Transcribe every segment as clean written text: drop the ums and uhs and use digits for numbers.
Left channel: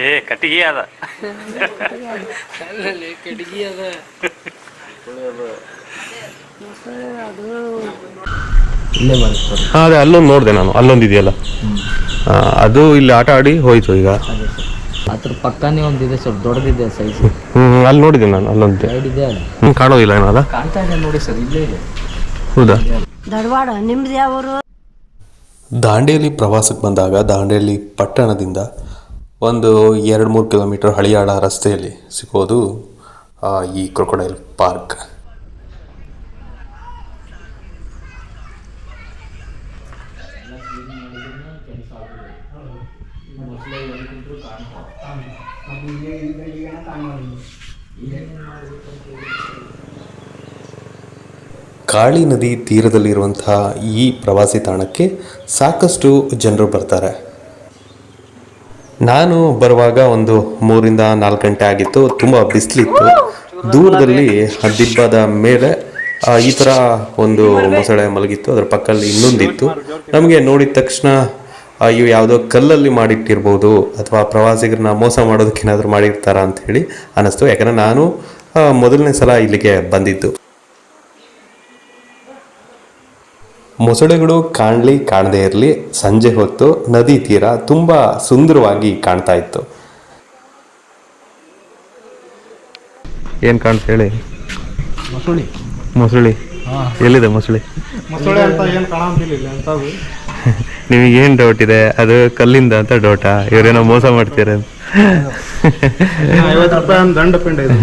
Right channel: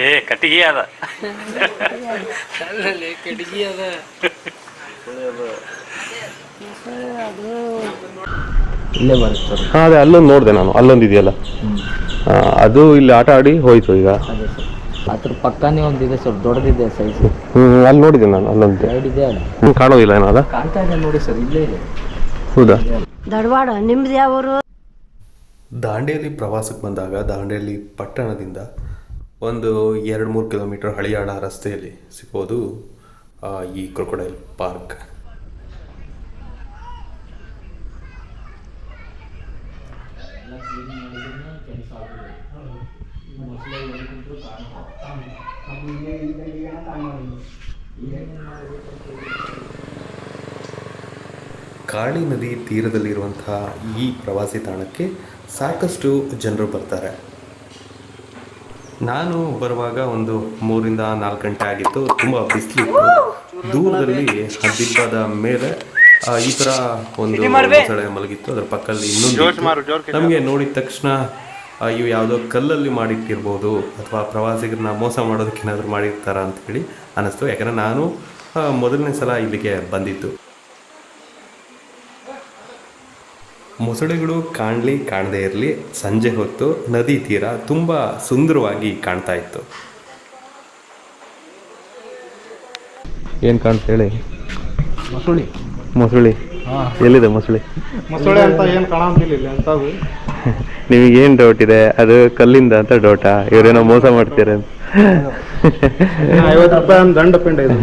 ಏ ಕಟ್ಟಿಗೆ ಅದ ಅಲ್ಲಲ್ಲಿ ಕಟ್ಟಿಗೆ ಅದ ಇಲ್ಲೇ ಬರುತ್ತೆ. ಹಾಂ ಅದೇ ಅಲ್ಲೊಂದು ನೋಡಿದೆ ನಾನು, ಅಲ್ಲೊಂದು ಇದೆಯಲ್ಲ ಅದು ಇಲ್ಲಿ ಆಟ ಆಡಿ ಹೋಯ್ತು ಈಗ. ಅದೇ ಸರ್ ಅದ್ರ ಪಕ್ಕನೇ ಒಂದಿದೆ ಸ್ವಲ್ಪ ದೊಡ್ಡದಿದೆ ಸೈಜ್. ಅಲ್ಲಿ ನೋಡಿದ್ದೆ ನಾನು, ಅಲ್ಲೊಂದು ಇದೆ ಅಲ್ಲ. ಕಾಣೋದಿಲ್ಲ ಏನದ? ಕಾಣ್ತಾ ಇದೆ ನೋಡಿ ಸರ್, ಇಲ್ಲೇ ಇದೆ. ಹೌದಾ? ಧಾರವಾಡ. ನಿಮ್ದು ಯಾವರು? ದಾಂಡೇಲಿ ಪ್ರವಾಸಕ್ಕೆ ಬಂದಾಗ ದಾಂಡೇಲಿ ಪಟ್ಟಣದಿಂದ ಒಂದು 2-3 ಕಿಲೋಮೀಟರ್ ಹಳಿಯಾಳ ರಸ್ತೆಯಲ್ಲಿ ಸಿಗೋದು ಈ ಕ್ರೊಕೊಡೈಲ್ ಪಾರ್ಕ್. ಕಾಳಿ ನದಿ ತೀರದಲ್ಲಿರುವಂತಹ ಈ ಪ್ರವಾಸಿ ತಾಣಕ್ಕೆ ಸಾಕಷ್ಟು ಜನರು ಬರ್ತಾರೆ. ನಾನು ಬರುವಾಗ ಒಂದು 3-4 ಗಂಟೆ ಆಗಿತ್ತು. ತುಂಬ ಬಿಸಿಲಿತ್ತು. ದೂರದಲ್ಲಿ ದಿಬ್ಬದ ಮೇಲೆ ಈ ಥರ ಒಂದು ಮೊಸಳೆ ಮಲಗಿತ್ತು. ಅದರ ಪಕ್ಕದಲ್ಲಿ ಇನ್ನೊಂದಿತ್ತು. ನಮಗೆ ನೋಡಿದ ತಕ್ಷಣ ಇವು ಯಾವುದೋ ಕಲ್ಲಲ್ಲಿ ಮಾಡಿಟ್ಟಿರ್ಬೋದು ಅಥವಾ ಪ್ರವಾಸಿಗರನ್ನ ಮೋಸ ಮಾಡೋದಕ್ಕೇನಾದರೂ ಮಾಡಿರ್ತಾರ ಅಂತ ಹೇಳಿ ಅನ್ನಿಸ್ತು. ಯಾಕಂದರೆ ನಾನು ಮೊದಲನೇ ಸಲ ಇಲ್ಲಿಗೆ ಬಂದಿದ್ದು. ಮೊಸಳೆಗಳು ಕಾಣಲಿ ಕಾಣದೇ ಇರಲಿ, ಸಂಜೆ ಹೊತ್ತು ನದಿ ತೀರ ತುಂಬ ಸುಂದರವಾಗಿ ಕಾಣ್ತಾ ಇತ್ತು. ಏನು ಕಾಣ್ತಾ ಹೇಳಿ? ಮೊಸಳಿ. ಮೊಸಳಿ ಎಲ್ಲಿದೆ? ಮೊಸಳಿ ಅಂತ ಏನು ಕಾಣಂತಿಲ್ಲ ಅಂತ. ನಿಮಗೇನು ಡೌಟ್ ಇದೆ? ಅದು ಕಲ್ಲಿಂದ ಅಂತ ಡೌಟಾ? ಇವರೇನೋ ಮೋಸ ಮಾಡ್ತೀರ? 50 ರೂಪಾಯಿ ದಂಡ ಪಿಂಡ ಇದೆ.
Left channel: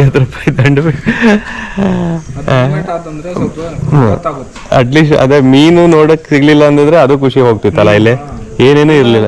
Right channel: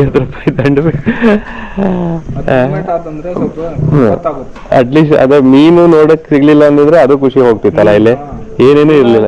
50 ರೂಪಾಯಿ ದಂಡ. ಅಟ್ಲೀಸ್ಟ್ ಅದೇ ಮೀನು ನೋಡಕ್ ಸಿಗ್ಲಿಲ್ಲ ಅಂತಂದ್ರೆ ಅದು ಖುಷಿ ಹೋಗ್ತಿತ್ತಲ್ಲ. ಇಲ್ಲಿ ಏನೇನು ಇರ್ಲಿಲ್ಲ.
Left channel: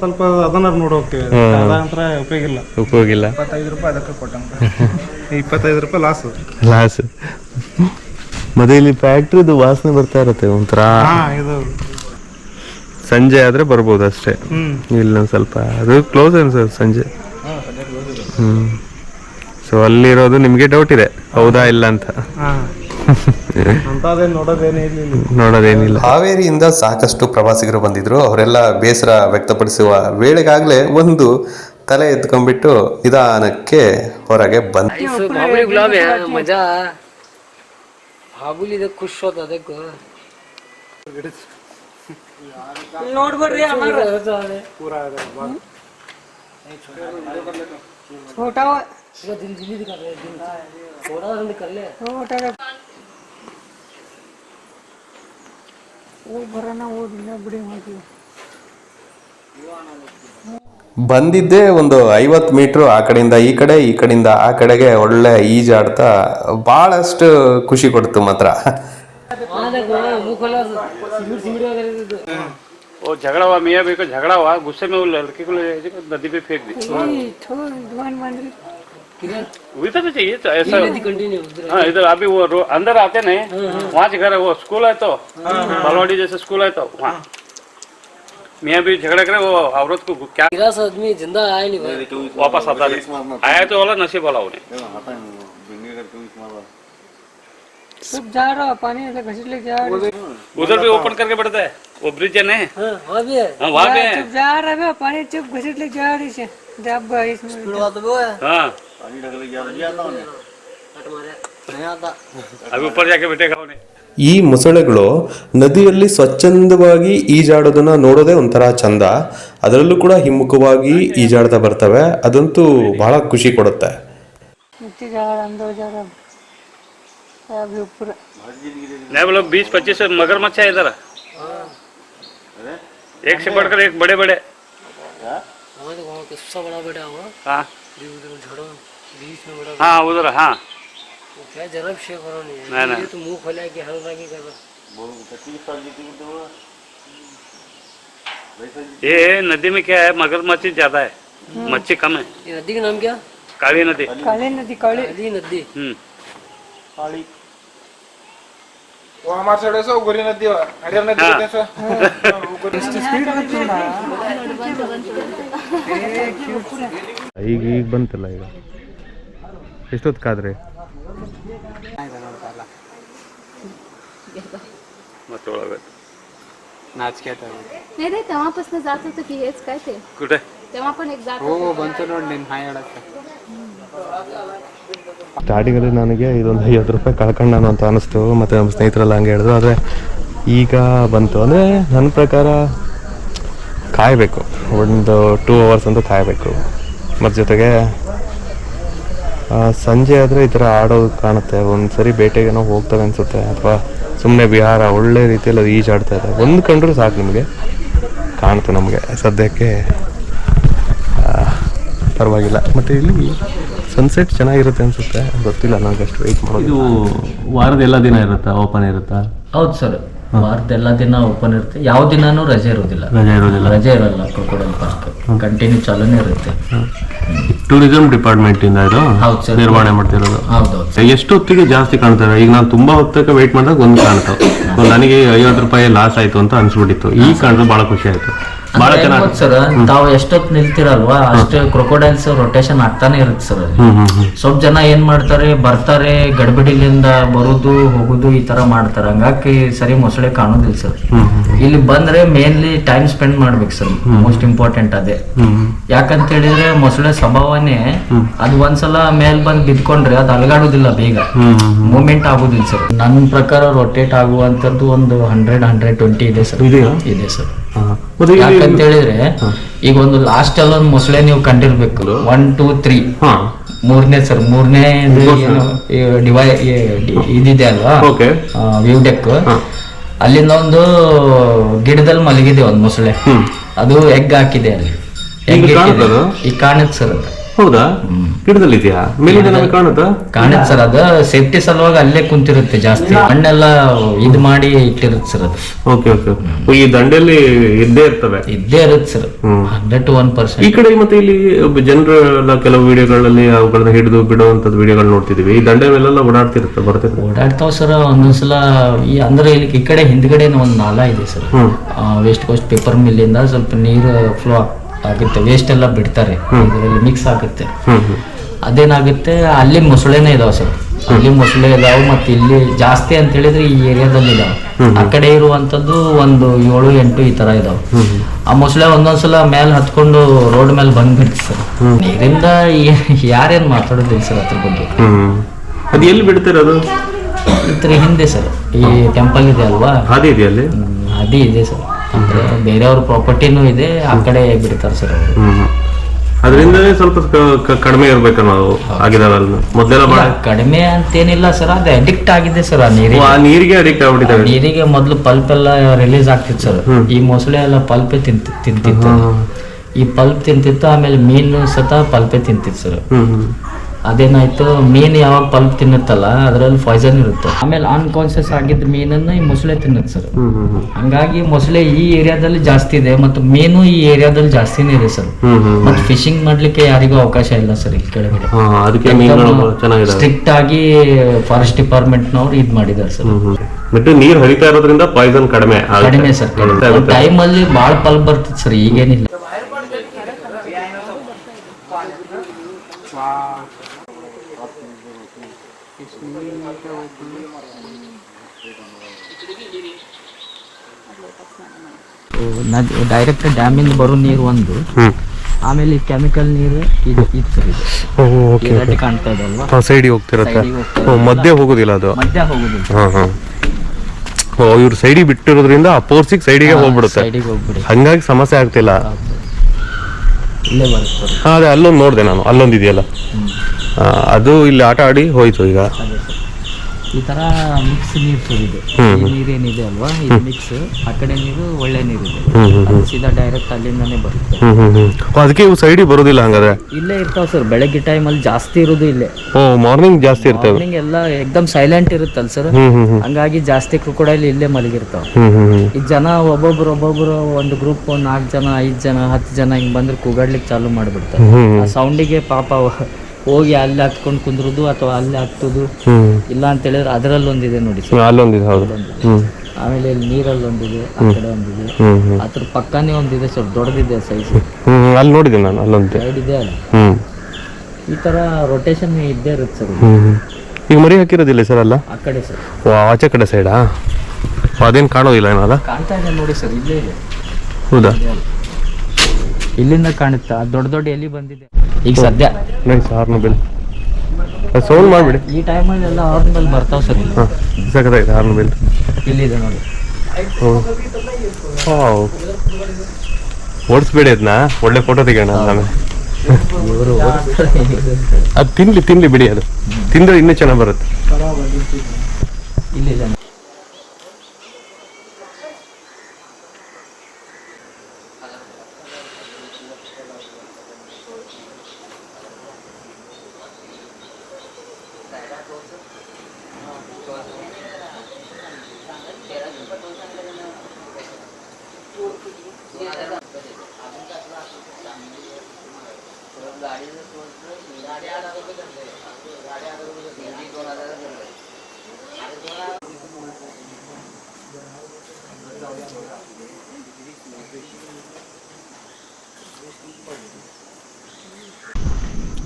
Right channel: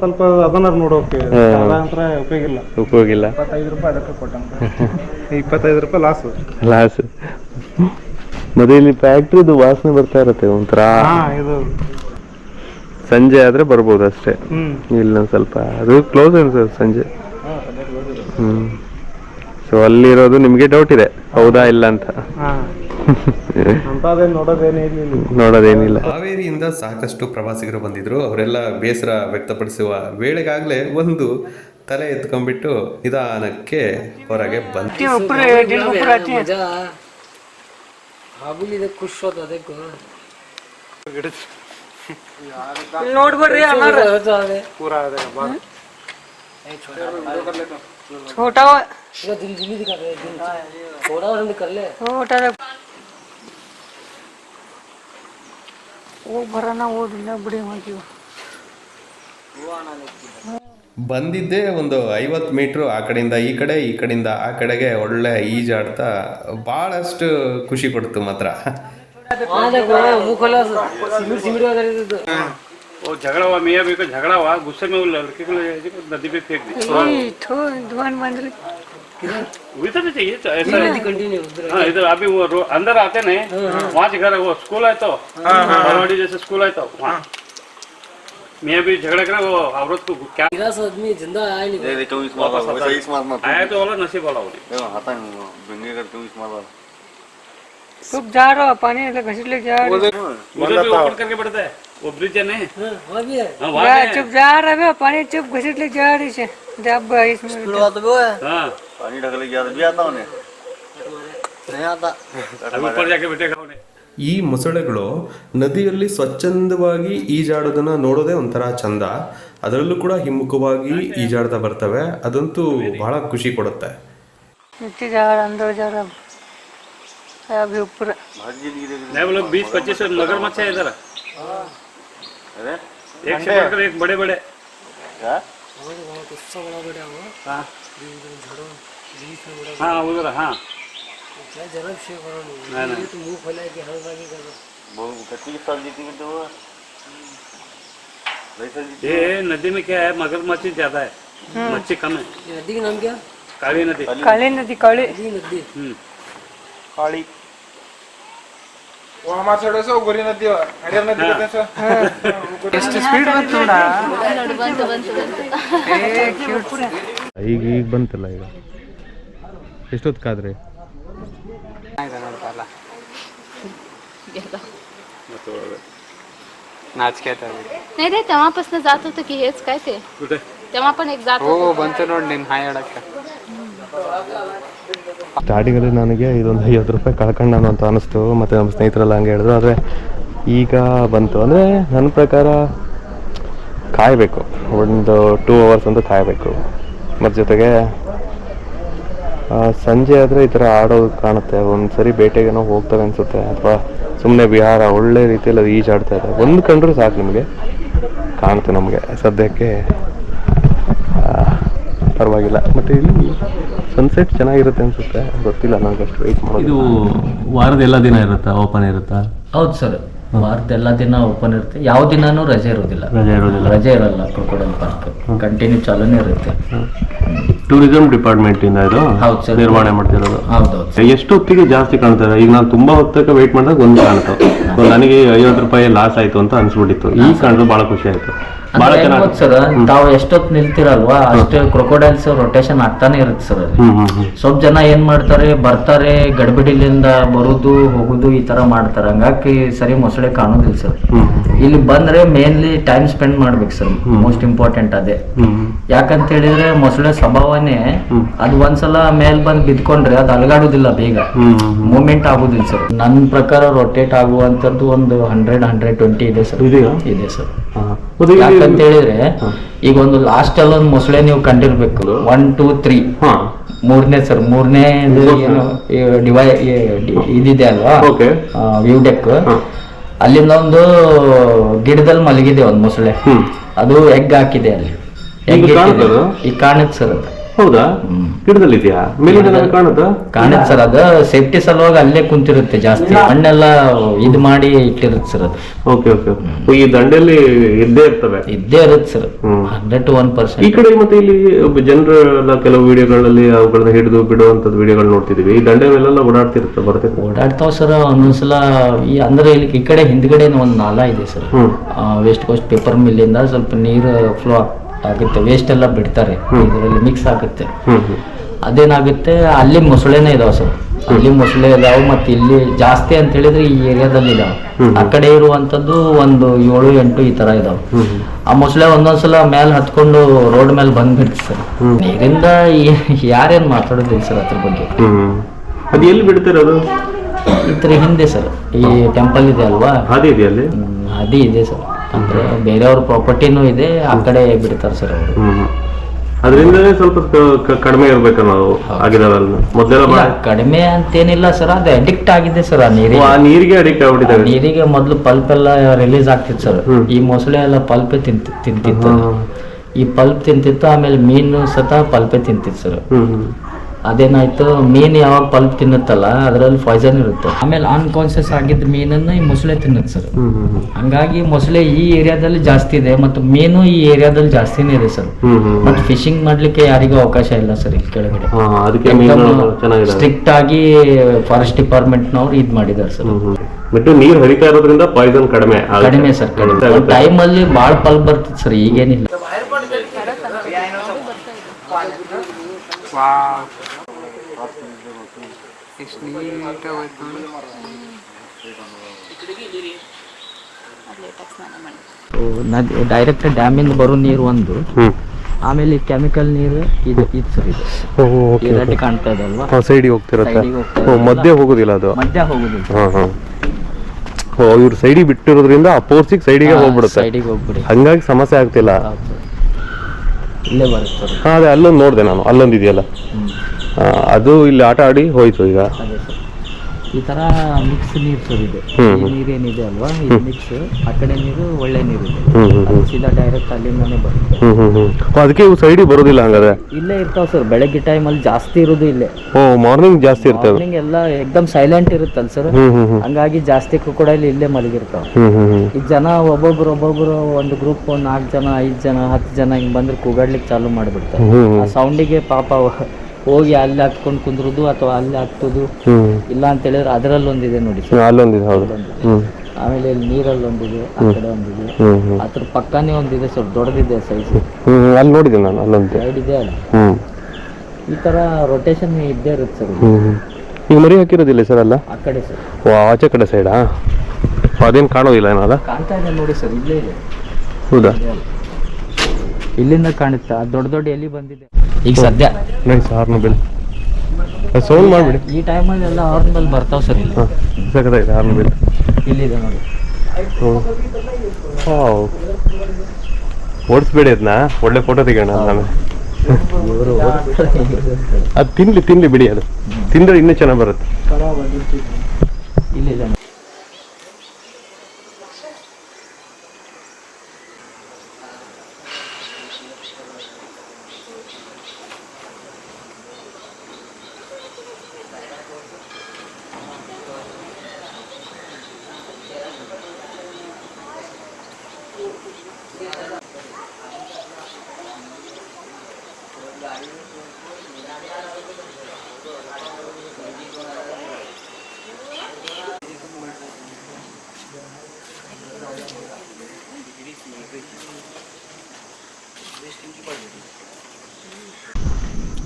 ಸ್ವಲ್ಪ ಅದನ್ನ ನೋಡೋಕೆ ಉಪಯೋಗ ಇಲ್ಲ. 25 ರೂಪಾಯಿ ಅದಕ್ಕೆ ಕೊಟ್ಟಂತ 25 ರೂಪಾಯಿ ಲಾಸ್. ಮತ್ತೆ ಇಲ್ಲಿ ಫ್ಯಾಕ್ಟ್ರಿದು ವಾಸನೆ ಬರ್ತಾ ಇರತ್ತೆ ಒಂಥರ. ಸಂಜೆ ಆದ್ರೆ ಬರ್ಬೋದು ಅಷ್ಟೇ. ಇಲ್ಲ ಸ್ವಲ್ಪ ಅದು ಕ್ಲೋಸ್ ಅನ್ಸುತ್ತೆ ಸಂಜೆ. ಸೊ ಅಲ್ಲಿರೋದು ನಿಮ್ಗೆ ಡೌಟ್ ಇದೆ, ಹೌದಾ ಇಲ್ಲ ಅಂತ? ನೋಡೋದೇನಿಲ್ಲ. ಹಾವೇರಿಯಿಂದ ಸಾಕಷ್ಟು ಪ್ರವಾಸಿಗರು ಬಂದಿದ್ರು. ಅವರೆಲ್ಲ ಬೇಸರ ವ್ಯಕ್ತಪಡಿಸುವ ವೇಳೆಗಾಗಲೇ ಒಂದು ತಲೆ ಎತ್ಕೊಂಡ್ಬಿಟ್ಟು ನಿಧಾನಕ್ಕೆ ಹೊರಗೆ ಬಂದ. ಖುಷ್ ಅದಕ್ಕೆ ನೋಡ್ಬರ್ರಿ छोटा ಬಂದಿದ್ದೆ ಒಂದು 50 ಮೀಟ್ರು ಆ ಕಡೆಯಿಂದ ಈ ಕಡೆ, ಈ ಕಡೆಯಿಂದ ಆ ಕಡೆಗೆ ಒಳ್ಳೆ ಈಜಾಡ್ತಾ ಬಹಳಷ್ಟು ಖುಷಿ ಕೊಡ್ತು ಮಾತ್ರ. वो झगड़ा हुआ, मियाँ भी को झगड़ा हुआ, गुस्से में वो लड़के को नदी पे फेंक दी। वही तो चाहिए तो ऐसा। हाँ इधर अभी वो अंदर आते नहीं, वहाँ से घर वो स्कूल है तो बालवाड़ी जैसे स्कूल है तो वहाँ मियाँ भी झगड़ा करे। वो औरत को क्या आदमी जिंदा आया नहीं, वापस आता आया तो वाला नसीब वाला उन्हें चुप जा रहा पानी घसीट ले जा रहा। उधर भी ओपन करके पड़ता है वो ब्रिज है नहीं, वहाँ भी है। चुप जा रहा है पानी, चुप घसीट ले जा रही है। जब इसमें हाँ पानी ढक ले गया आता उन्हें नहीं आता। अभी ऊपर जाके बैठेगा उन्हें। ಈ ಮೊಸಳೆಗಳು ನದಿಯಲ್ಲಿ ಸ್ವಚ್ಛಂದವಾಗಿ ಈಜಾಡೋದನ್ನ ನೋಡೋದೇ ಒಂಥರ ಚಂದ. ಅದರಲ್ಲೂ ಕೂಡ ಹಿಮ್ಮುಖವಾಗಿ ಈಜಾಡ್ತಾ ಬರ್ತವೆ. ಅದಂತೂ ಬಹಳ ಖುಷಿ ಕೊಡುತ್ತೆ. अंदर जा रहा अभी ऊपर नहीं बोलो 20-25 मगरमच्छ है इधर। एक से बढ़कर एक बड़े बड़े। हाँ हाँ उधर हाँ नहीं तो मुंह फैला के हर बाकी कर ये नदी में क्या है, मगरमच्छ ज्यादा है, मच्छी कम है। ये नदी का नाम क्या? काली नदी। काली नदी काली नदी काळी. वो हमारे साइड से गोरी नदी है, हरियर नदी कहते हैं। ಎಷ್ಟು ಸ್ಪೀಡ್ ಬಂತು ನೋಡ. ಈಗ ಬಂತಲ್ಲ. ಈಗ ಎಷ್ಟೊತ್ತಿಗಾದ್ರೆ नाही रे तेव्हापासून जात होतं की हेच काय ते कुठे तेव्हा पण एक जात हो ಬಂತು ನೋಡಿ ನಿನ್ನ ಹಾಯ್ ಆಡಕ್ಕೆ. ಸ್ಟಾರ್ಟಿಂಗಲ್ಲಿ ನನಗೆ ಇದೊಂದು 50 ರೂಪಾಯಿ ಕಳ್ಕೊಂಡು ನಾನು ಅಂತ ಅನಿಸ್ತು, ಮತ್ತು ನಮ್ಮ ಸ್ನೇಹಿತರೆಲ್ಲ ಹಂಗೆ ಹೇಳಿದ್ರು. ಆದರೆ ಈಗ ಬಂತು ಅಂದರೆ ನನ್ನ ಪ್ರಕಾರ ಕಾಯಬೇಕು, ಒಂದು 2 hours ಅಂತೂ ಕಾಯಬೇಕು. ಮತ್ತು ಜೊತೆಗೆ ಸಂಜೆ ಆದರೆ ಈ ಥರ ಆಡೋದು ಕಾಣುತ್ತೆ. ಒಂದು ಸರಿ ಬೇಟೆಗೇನೋ ಹೋಗ್ತವೆ ಅನಿಸುತ್ತೆ, ಅಥವಾ ಸುಮ್ಮನೆ ವಿಹಾರ ಒಳ್ಳೆ ರೀತಿಯಲ್ಲಿ ಅದು ಈಜಾಡ್ತಾ ಇದೆ. ಒಂದು ಕಂಡ್ರೂ ಸಾಕು ನಿಮಗೆ ಕಾಣುತ್ತೆ. ನಮಗೆ ಸದ್ಯಕ್ಕೆ ಪರವಾಗಿಲ್ಲ. ಮತ್ತು ಇಲ್ಲಿ ಸನ್ಸೆಟ್ ಚೆನ್ನಾಗಿರುತ್ತೆ ಅನಿಸುತ್ತೆ, ಗೊತ್ತಿಲ್ಲ ನನಗೆ ಅಷ್ಟು ವೆಯ್ಟ್ ಮಾಡೋದು. ಇದು ವಾರದ ಎಲ್ಲ ದಿನ ಇರುತ್ತಾ, ಓಪನ್ ಇರುತ್ತಾ? ಹೌದು ಸರ್, ವಾರದ ಎಲ್ಲ ದಿನ ಓಪನ್ ಇರುತ್ತೆ. ಯಾವ ದಿನಾನೂ ರಜೆ ಇರೋದಿಲ್ಲ. ರಜೆ ಇರಲ್ಲ. ಕ್ರೊಕೊಡೈಲ್ ಪಾರ್ಕ್ ಕಂಟಿನ್ಯೂ ಚಾಲೂನೇ ಇರುತ್ತೆ. ಟೂರಿಸಂ ಡಿಪಾರ್ಟ್ಮೆಂಟ್ ಇಂದ ಇದು ಹೌದು ಸರ್, ನಿರ್ವಹಣೆ ಮಾಡ್ತಿರೋದು. ಹೌದೌದು. ಎಷ್ಟು ಹೊತ್ತಿಗೆ ಜಾಸ್ತಿ ಕಾಣ್ತಾರೆ? ಈಗ ನಾನು ತುಂಬಾ ಹೊತ್ತಕ್ಕೆ ವೆಯ್ಟ್ ಮಾಡಿದಾಗ ಒಂದು ಕಾಣುತ್ತೆ, ನನಗೆ 50 ರೂಪಾಯಿ ಲಾಸ್ ಆಯ್ತು ಅಂತ ಅನ್ಸ್ಬಿಟ್ಟಿತ್ತು. ಈಗ ಕಾಣಿದ್ರೆ ಬಹಳ ಖುಷಿ ಆಯ್ತು. ಬಹಳ ಚೆನ್ನಾಗಿ ಸರ್, ತಾವು ಎಷ್ಟೊತ್ತು ನಿಲ್ತಿರಲ್ವಾ ಅಷ್ಟು ಕ್ರೊಕೊಡೈಲ್ಸ್ ರೊಟೇಷನ್ ಆಗ್ತಾನೆ ಇರುತ್ತೆ ಸರ್ ಅಲ್ಲಿ. ಸ್ವಲ್ಪ ಜನ ಏನ್ ಮಾಡ್ತಾರೆ, ಬರ್ತಾರೆ ಗಡಿಬಿಡಿಲಿಂದ ಬರುದು ಹೋಗುದು ಈ ತರ ಮಾಡ್ತಾರೆ, ಹಂಗಾಗಿ ಸರಿ ಮೊಸಳೆ ಕಾಣೋದಿಲ್ಲ ಸರ್. ಇಲ್ಲಿ ಬಂದ್ರೆ ಮೇನ್ಲಿ ಟೈಮ್ ಸ್ಪೆಂಡ್ ಮಾಡ್ಬೇಕು ಸರ್, ಮೋಸ್ಟ್ ಇಂಪಾರ್ಟೆಂಟ್ ಅದೇ. ಯಾಕಂತ ಹೇಳಿದ್ರೆ ಮೊಸಳೆ ಸ್ವಭಾವನೇ ಅದು ಒಂದ್ಸಲ ಮೇಲ್ ಬಂದ್ ಬಿದ್ಕೊಂಡ್ರೆ ಅದು ಅಲಗಾಡುದಿಲ್ಲ, ಬೇಗ ಮೂವ್ಮೆಂಟ್ ಆಗುದಿಲ್ಲ ಸರ್. ನನ್ನ ಪ್ರಕಾರ ರೊಟೇಟ್ ಆಗುವಂತದ್ದು ಒಂದು 100-120 ಇದೆ ಸರ್. ಇದೆ ಸರ್. ಯಾಕಂತ ಹೇಳಿದ್ರೆ ಈಗ ಒಂದು ಲಾಸ್ಟ್ ಅಲ್ಲಿ ಒಂದು ಮೊಸಳೆ ನೀವು ಕಂಡಿರ್ಬೇಕು, 1, 2, 3 ಮೂರನೇ ಸರ್, ಮೂರನೇ ಏನು ಇದಿದೆ ಅಲ್ವಾ ವ್ಯೂ ಡೆಕ್, ಅಲ್ಲಿಂದ ಒಂದು ಗಿಡದಲ್ಲಿ ಮಲಗಿದೆ ಒಂದು ಮೊಸಳೆ. ಅದು ಎಗ್ ಹಾಕಿದೆ ಅಲ್ಲಿ, ಎಗ್ ಇಟ್ಟಿದೆ. ಈಗ ಕಾಣುತ್ತೆ ಸರ್ ಅದು. ಹೌದಾ? ಗಿಡದಲ್ಲಿ ಇದೆಯಾ? ಕಾಣುತ್ತೆ ಸರ್. ಅದು ಸೇಫ್ಟಿ ಸಲುವಾಗಿ ಅಲ್ಲೇ ಕುಂತಿರುತ್ತೆ, ಜಾಸ್ತಿ ಮಣ್ಣೆಲ್ಲ ಇದು ಮಾಡಿ ಇಟ್ಟಿರುತ್ತೆ ಸರ್ ಅದು. Okay okay. ಈ ದಂಡೆಯಲ್ಲಿ ಇದ್ದೇ ಇರ್ತವೆ? ಇದ್ದೇ ಇರುತ್ತೆ ಸರ್, 100-1%. ಈ ಕಡೆ ಮತ್ತೆ ಇಲ್ಲಿ ಜನರೆಲ್ಲ ಕೆಲವು ವಿಡಿಯೋಗಳಲ್ಲಿ ಅವುಗಳನ್ನ ಹಿಡಿದು ಬಿಡುವಂತದ್ದು ವಿಡಿಯೋಗಳು ನೋಡ್ತಿದೀವಿ. ಈ ದಂಡೆ ಮೇಲೆಲ್ಲ ಓಡಾಡ್ತಿರುತ್ತೆ, ಬರ್ತೈತೆ? ಓಡಾಡ್ತಾವ ಸರ್ ಒಂದೊಂದ್ಸಲ. ಈ ಅಂದ್ರೆ ಇಲ್ಲಿ ಈ ಕಡೆ ಹಿಂದ್ಗಡೆ ಒಂದು ನಾಲಾ ಇದೆ ಸರ್, ವೆಸ್ಟ್ ಕೋಸ್ಟ್ ಪೇಪರ್ ಮಿಲ್ ಇಂದ ಸ್ವಲ್ಪ ನೀರು ಫ್ಲೋ ಆಗುತ್ತೆ, ವೇಸ್ಟ್ ಎಲ್ಲ ಬಿಡ್ತಾರೆ, ಇದರಲ್ಲಿ ಮಿಕ್ಸ್ ಆಗುತ್ತೆ. ಅದೇನಾಗುತ್ತೆ, ಅಲ್ಲಿ ಮೊಸಳೆನೇ ಇದಾವೆ ಸರ್, ಅಲ್ಲಿ ಮೊಸಳೆ ಇದಾವೆ. ಮತ್ತೆ ಇಲ್ಲಿ ಜಾಸ್ತಿ ಅಂತ ಹೇಳಿದ್ರೆ ಈ ಏರಿಯಾದಲ್ಲಿ ಇದಾವೆ. ಆ ಕಡೆ ಇರುವಂತದ್ದು ಒಂದು 7-8 ಈ ತರ ಇದಾವೆ. ಆ ಮೊಸಳೆ ಒಂದೊಂದ್ಸಲ ಮೇಲೆ ಹತ್ಕೊಂಡು ರೋಡ್ ಮೇಲೆ ಬಂದ್ಬಿಡ್ತು ಸರ್. ನೀರಿಂದ ಯಾರೇನ್ ಮಾತಾಡೋದಿಲ್ಲ ಸರ್ ಅದ್ರ ಬಗ್ಗೆ. ಅದು ಎಲ್ಲಿ ಬಿಡ್ತಿರೋದು? ಇದ್ರ ಹಿಂದೆ ಸರ್, ಈ ಟೆಂಪಲ್ ಇದೆ ಅಲ್ವಾ, ಹಾದಿ ಇದೆ ಅಲ್ಲಿ. ಹಾದಿ ಇದೆ ಸರ್, ಅಂದ್ರೆ ಬೇರೆಯವ್ರ ಪ್ರಾಪರ್ಟಿನೂ ಇದೆ, ಆ ಕಡೆ ಬಿಡ್ತಾರೆ ಸರ್ ಅವರು. ಅದರಿಂದನೇ ಸ್ವಲ್ಪ ಕಡಿಮೆ ಇರ್ಬೇಕು ನಾವು ಆಗಿದಾವಲ್ಲ ಮೊದಲೆಲ್ಲ. ಕಡಿಮೆ ಅಂತೇನಿಲ್ಲ ಸರ್, ಅದು ಅಡಿಕ್ಟ್ ಆಗಿದೆ ಸರ್. ಆ ನೀರಿಗೆ ಅಡಿಕ್ಟ್ ಆಗ್ಬಿಟ್ಟಿದೆ. ನೀರಿಗೆ ಮೊದಲು ಪಲ್ಪ್ ಎಲ್ಲ ರಿಲೀಸ್ ಆಗ್ತಿತ್ತು ಸರ್, ಈ ಮೊಸಳೆ ಎಲ್ಲ ಪಲ್ಪೆ ತಿಂತಿತ್ತು. ಈ ಪಲ್ಪ್ ತಿಂತಿತ್ತು, ಆಮೇಲೆ ಮೀನು ಸತ ಪಲ್ಪೆ ತಿಂತಿತ್ತು ಸರ್. ಅದೇನಾಯ್ತು, ಮೀನು ಯಾವಾಗ ಪಲ್ಪ್ ತಿನ್ನುತ್ತಲ್ಲ ಅದರಲ್ಲಿ ಪಾಯ್ಸನ್ ಇರುತ್ತೆ, ಆಮೇಲೆ ಅನ್ಕಾನ್ಶಿಯಸ್ ಆಗಿದ್ದ ಮೀನನ್ನು ಈ ಮೊಸಳೆ ತಿನ್ನುತ್ತೆ ಸರ್. ಹಂಗಾಗಿ ಮೊಸಳೆ ಈ ಏರಿಯಾದಲ್ಲಿ ಜಾಸ್ತಿ ಇದೆ, ಮತ್ತು ಮೀನು ಈ ಏರಿಯಾದಲ್ಲಿ ಜಾಸ್ತಿನೇ ಇದೆ ಸರ್. ಮತ್ತೆ ಫಿಶಿಂಗ್ ಮಾಡ್ಲಿಕ್ಕೆ ಯಾರಿಗೂ ಅವಕಾಶ ಇಲ್ಲ ಸರ್ ಇಲ್ಲಿ ಕೆಳಗಡೆ. ಸ್ಟ್ರಿಕ್ಟ್ ಆಗಿ ಫಾರೆಸ್ಟ್ ಡಿಪಾರ್ಟ್ಮೆಂಟ್ನವ್ರು ಇದ್ ಮಾಡಿದ್ದಾರೆ ಸರ್. ಮತ್ತೆ ನೀರು ಹರಿತಾ ಇರೋದ್ರಿಂದ ಪಾಯ್ಸನ್ ಕಡಿಮೆ ಸರ್. ಕಡಿಮೆ ಟೈಮ್ ಅಲ್ಲಿ ಬಾಳ್ ಪಲ್ಪ್ ಬರ್ತಿತ್ತು ಸರ್, ಈಗೇನಿಲ್ಲ. ಡೈರೆಕ್ಟ್ ಡ್ಯಾಮಿಂದ ಬರೋ ನೀರು ಒಂದು, ಆಮೇಲೆ ಕೆಮಿಕಲ್ ನೀರು ಇದು ಸರ್. ಇದು ಕಾಣ್ತಾ ಇದೆ ಅಲ್ವಾ, ಸೈಡಿಗೆ ಹೋಗ್ತಿರತ್ತೆ, ಮಧ್ಯೆ ಹೋಗುದಿಲ್ಲ ಅದು. ಮಧ್ಯ ಹೋಗುದಿಲ್ಲ. ಇವ್ರು ಸೈಡಿಗೆ ಬಿಟ್ಟಿರೋದ್ರಿಂದ ಅಪೋಸಿಟ್ ಸೈಡಿಗೆ ಹೋಗ್ಬಿಡುತ್ತೆ, ಹಂಗಾಗಿ ಸಮಸ್ಯೆ ಆಗ್ತಿಲ್ಲ. ಇಲ್ಲೇ ಬರುತ್ತೆ. ಅದೇ ಅಲ್ಲೊಂದು ನೋಡಿದೆ ನಾನು, ಅಲ್ಲೊಂದು ಇದೆಯಲ್ಲ ಅದು ಇಲ್ಲಿ ಆಟ ಆಡಿ ಹೋಯ್ತು. ಈಗ ಈ ತರ ಮಿಕ್ಸ್ ನೀರು ಸರ್ ಇದೆ. ಈ ನೀರೇನಿದೆ ಅಲ್ವಾ, ಇದು ಮಿಕ್ಸ್. ಆ ಕಡೆ ನೀರು ಒಳ್ಳೆ ನೀರು ಇದೆ, ಅದು ಸೀದಾ ಡೈರೆಕ್ಟ್ ಅಲ್ಲಿಂದಾನೆ ಬರುತ್ತೆ. ಅದಕ್ಕೆ ಇವು ಸೈಡಿಗೆ ಬರೋದಿಲ್ಲ ಹಂಗಾದ್ರೆ? ಇಲ್ಲೇ ಇರ್ತಾವ ಸರ್, ಬೆಳಗ್ಗೆ ಟೈಮ್ ಅಲ್ಲಿ ಜಾಸ್ತಿ ಇರೋದು ಇಲ್ಲೇ. ಮಾರ್ನಿಂಗ್ ಜಾಸ್ತಿ ಇರ್ತವೆ. ಮಾರ್ನಿಂಗ್ ಎಲ್ಲ ಎಕ್ದಮ್ ಸೈಲೆಂಟ್ ಇರುತ್ತಲ್ಲ ಸರ್, ಹಂಗಾಗಿ ಜಾಸ್ತಿ ಕ್ರೊಕೊಡೈಲ್ ಇಲ್ಲೇ ಮಲಗಿರ್ತಾವ. ಈ ಜನ ಒಬ್ಬೊಬ್ರು ಒಂದು ಗ್ರೂಪ್ 4 ಜನ 5 ಜನ 10 ಜನ ಹಿಂಗ್ ಬಂದ್ರೆ ಕೂಗಾಡ್ಲಿಕ್ಕೆ ಚಾಲು ಮಾಡ್ಬಿಡ್ತಾರೆ. ಆ ಸೌಂಡಿಗೆ ಪಾಪ ಹೋಗಿ ಅಲ್ಲಿ ಹತ್ಕೊಂಡು ಕುಂದ್ರುದು ಅಥವಾ ಅಲ್ಲಿ ಹತ್ತುದು. ಇಲ್ಲ ಅಂತ ಹೇಳಿದ್ರೆ ಅದರಲ್ಲೊಂದಿದೆ ನೋಡಿ ಸರ್, ಅಲ್ಲೊಂದಿದೆ. ಆಮೇಲೆ ಇಲ್ಲಿ ನೀರಲ್ಲಿ ಒಂದಿದೆ, ಆ ಕಡೆ ಒಂದಿದೆ, ಅದ್ರ ಪಕ್ಕನೇ ಒಂದಿದೆ ಸರ್, ದೊಡ್ಡದಿದೆ ಸೈಜ್. ಅಲ್ಲಿ ನೋಡಿದೆ ನಾನು, ಅಲ್ಲೊಂದು ಸೈಡ್ ಇದೆ ಅಲ್ಲ. ಈ ತರ ರೊಟೇಷನ್ ಇದ್ದೇ ಇರುತ್ತೆ ಸರ್. ಈಗ ಮರಿ ಹಾಕಿರೋದಿಲ್ಲ ಸರ್ ಅಲ್ಲ? ಆ ಕಡೆ ಸರ್, ಆಚೆ ಕಡೆ ಸೈಡಾ? ಅದೇನು ಕಾಣೋದಿಲ್ಲ ಏನಲ್ಲ? ಕಾಣ್ತಾ ಇದೆ ನೋಡಿ ಸರ್, ಇಲ್ಲೇ ಇದೆ. ಹೌದಾ? ಇಲ್ಲಿಂದ ಕಾಣುತ್ತಾ ದೊಡ್ಡ ದೊಡ್ಡ ಎಲಿ ಬಂದಿದೆ ಈಗ ಸದ್ಯ. ನೈಸ್ ಹಾರ್ನ್ಬಿಲ್ ಸೌಂಡ್ ಮಾಡಿಬಿಡಿ. ಈ ಟೈಮಲ್ಲಿ ಎಲ್ಲ ಹಾರ್ನ್ಬಿಲ್ ಬರ್ತಾವ ಸರ್ ಇಲ್ಲಿ. ಸಖತ್ತಾಗಿದೆ ಹಾರ್ನ್ಬಿಲ್. ಇಲ್ಲಿದೆ ನೋಡಿ. ಓಡಿಸ್ಬೇಡಿ ಅದನ್ನ, ಒಳ್ಳೆ ಫೋಟೋ ತೆಗೋಣ ನಾನು. ಇವರು ಅದು ತಿನ್ಲಿ ಬಿಡಿ, ಅದು ತಿಂದ್ರೆ ಇನ್ನೂ ಚೆನ್ನಾಗಿ ಬರುತ್ತೆ. ಇಲ್ಲಿದೆ.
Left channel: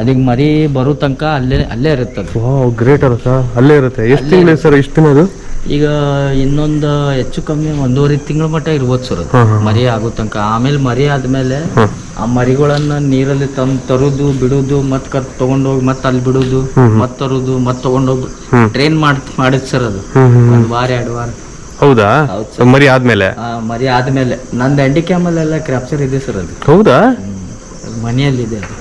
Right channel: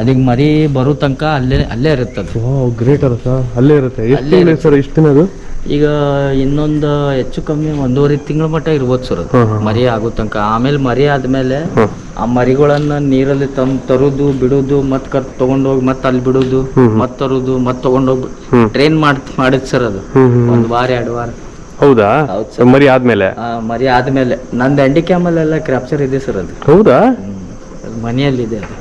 ಅದಕ್ಕೆ ಮರಿ ಬರೋ ತನಕ ಅಲ್ಲೇ ಇರುತ್ತೆ ಅದು. ಗ್ರೇಟ್ ಅಲ್ಲ, ಅಲ್ಲೇ ಇರುತ್ತೆ. ಎಷ್ಟು ತಿಂಗಳು ಸರ್ ಇಷ್ಟು ದಿನ ಅದು? ಈಗ ಇನ್ನೊಂದು ಹೆಚ್ಚು ಕಮ್ಮಿ 1.5 ತಿಂಗಳ ಮಟ್ಟ ಇರ್ಬೋದು ಸರ್ ಅದು ಮರಿ ಆಗೋ ತನಕ. ಆಮೇಲೆ ಮರಿ ಆದ್ಮೇಲೆ ಆ ಮರಿಗಳನ್ನ ನೀರಲ್ಲಿ ತರುದು ಬಿಡುದು, ಮತ್ ತಗೊಂಡೋಗಿ ಮತ್ತೆ ಅಲ್ಲಿ ಬಿಡುದು, ಮತ್ ತರುದು, ಮತ್ ತಗೊಂಡೋಗಿ ಟ್ರೈನ್ ಮಾಡಿದ್ ಸರ್ ಅದು 1 ವಾರ 2 ವಾರ. ಹೌದಾ? ಮರಿ ಆದ್ಮೇಲೆ? ಮರಿ ಆದ್ಮೇಲೆ ನಂದು ಹ್ಯಾಂಡಿ ಕ್ಯಾಮಲ್ ಕ್ಯಾಪ್ಚರ್ ಇದೆ ಸರ್ ಅದು. ಹೌದಾ? ಮನೆಯಲ್ಲಿದೆ ಅದು.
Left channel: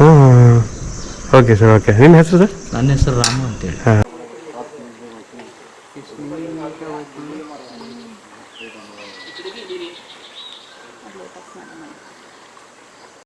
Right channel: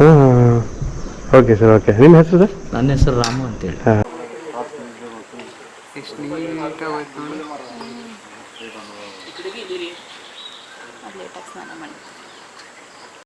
Okay sir, okay. ನಿಮ್ಮ ಹೆಸರು ಸರ್? ನನ್ನ ಹೆಸರು ರಾಮು ಅಂತೇಳಿ. ಸ್ನಾನ ಮಾಡಿ